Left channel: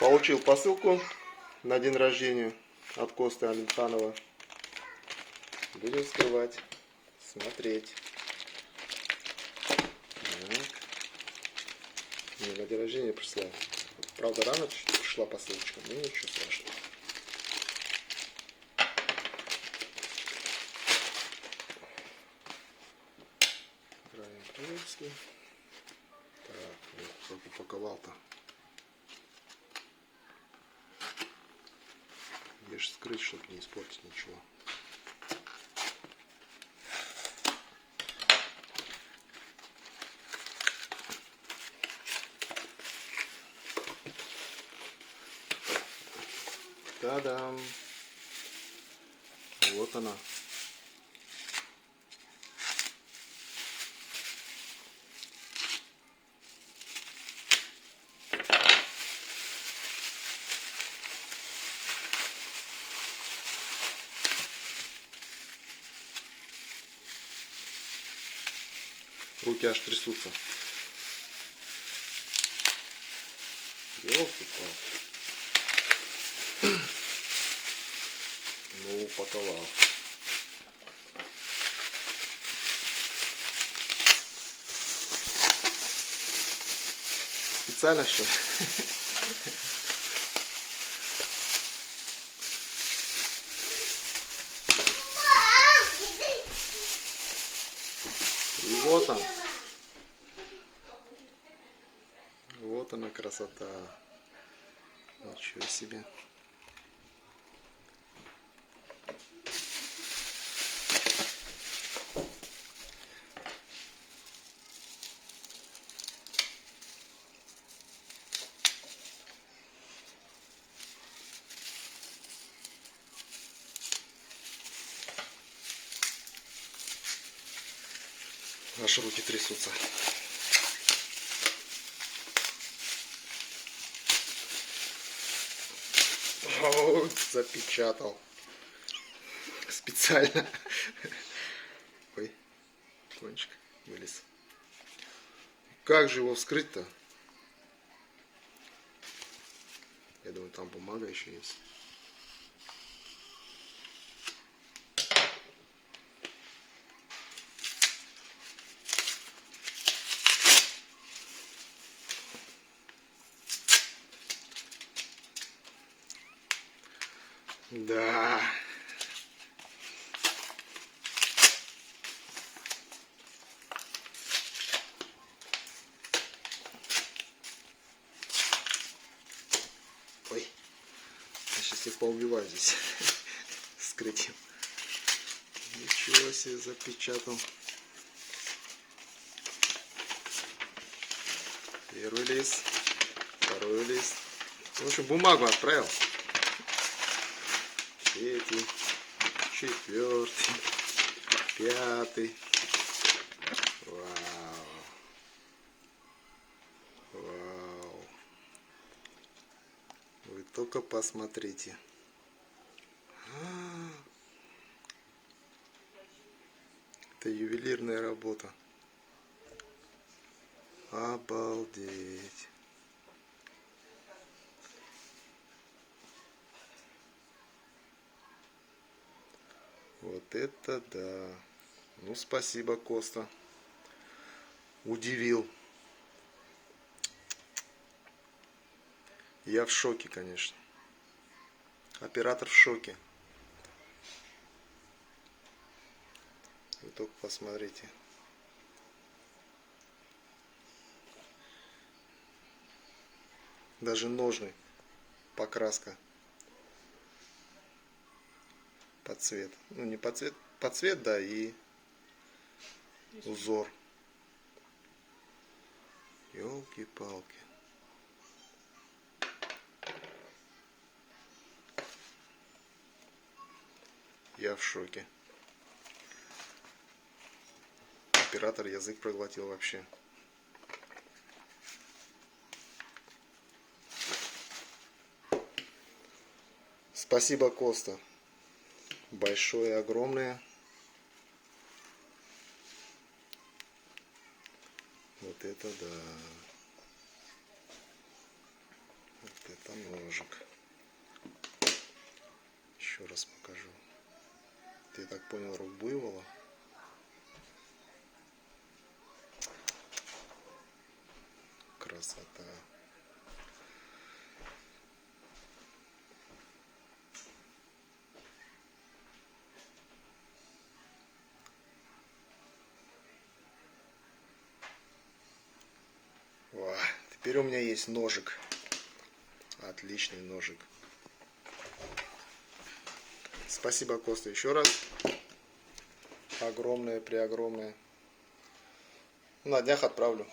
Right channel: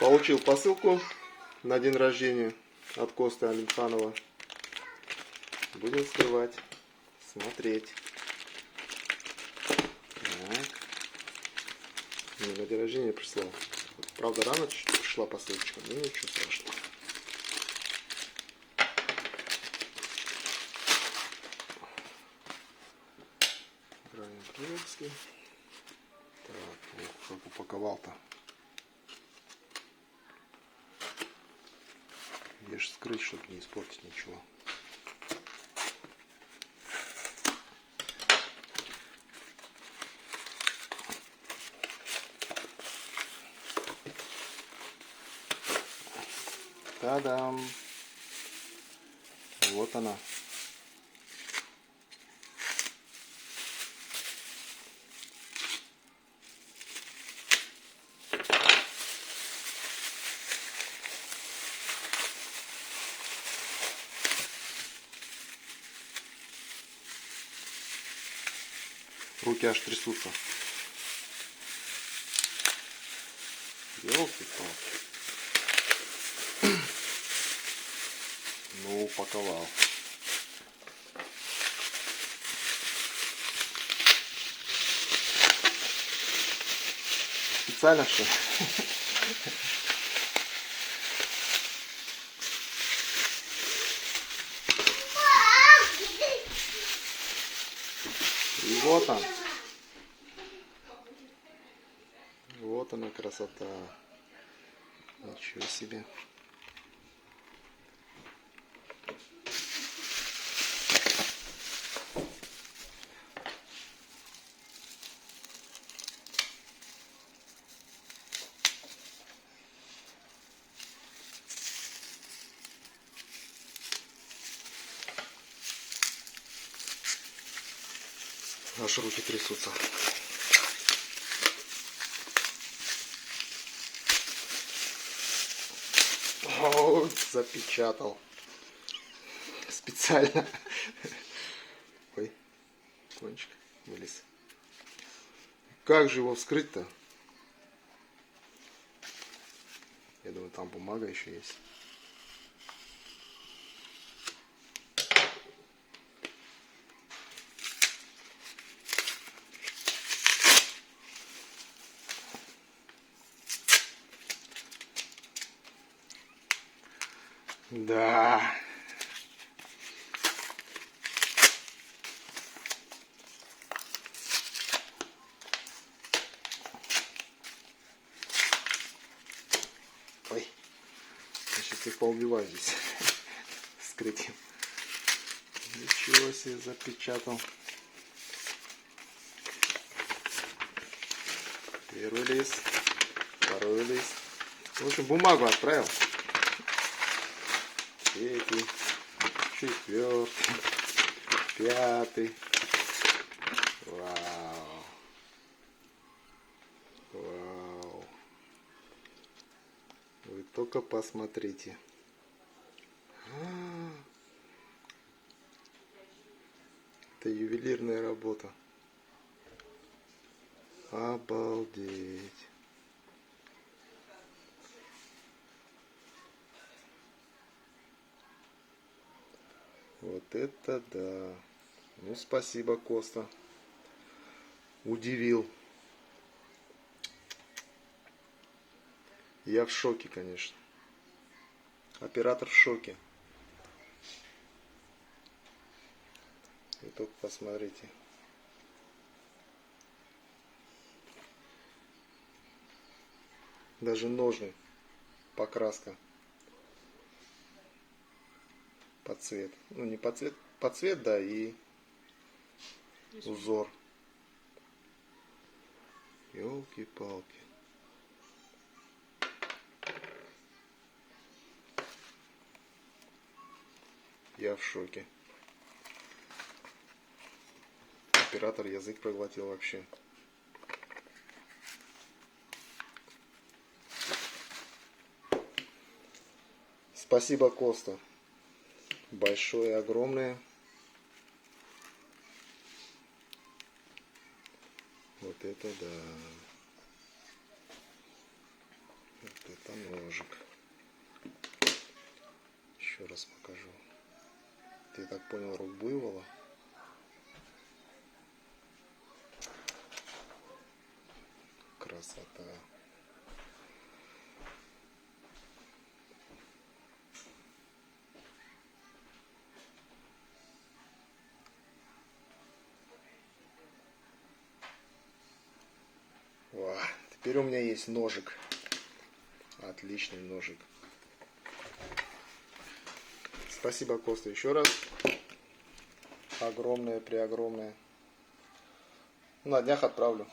Получил посылку на день рождения от Косты Алимханова. Будем вскрывать, смотреть. Так. Мне на день рождения прислал. Правда, рано пришла посылочка, но ничего страшного. Так, вот как упаковал-то. Где же скрыть, чтобы не испортить ничего. Та-дам! Вот она. Руки аж трясутся. Ёлки-палки. Ну, упаковал. Специально что? И вот он. Вот она красота. Ничего себе. Аж руки трясутся. О, запечатал. Специально. Ой, кончик вылез. Как же его вскрыть-то? Я думаю, там бумага еще есть. Да. Ой, я сейчас их поубиваю здесь. Скрыть. Ничего себе, запечатал. Первый лист, второй лист. В общем, бумагу отправил. Третий, четвертый, пятый. Вау. Вау. Вы только посмотрите. Это ювелирная работа. Обалдеть. Вот это да. Ну, спасибо, Коста. Удивил. Я в шоке, конечно. Оператор в шоке. Вы только посмотрите. Даже ножны. Покраска. Под цвет. Ну, не под цвет. Под цвет, да, и узор. Ёлки-палки. Я в шоке. Оператор язык проглотил вообще. Спасибо, Коста. Большое, огромное. Вот это да. Вот это Там ножик. Еще раз покажу. Ты так понял, рог буйвола? Красота. Во, теперь у меня есть ножик. Отличный ножик. Спасибо, Коста, еще раз. Огромное, преогромное. На днях отправлю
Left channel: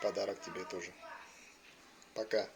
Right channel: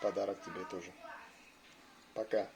подарок тебе тоже. Пока.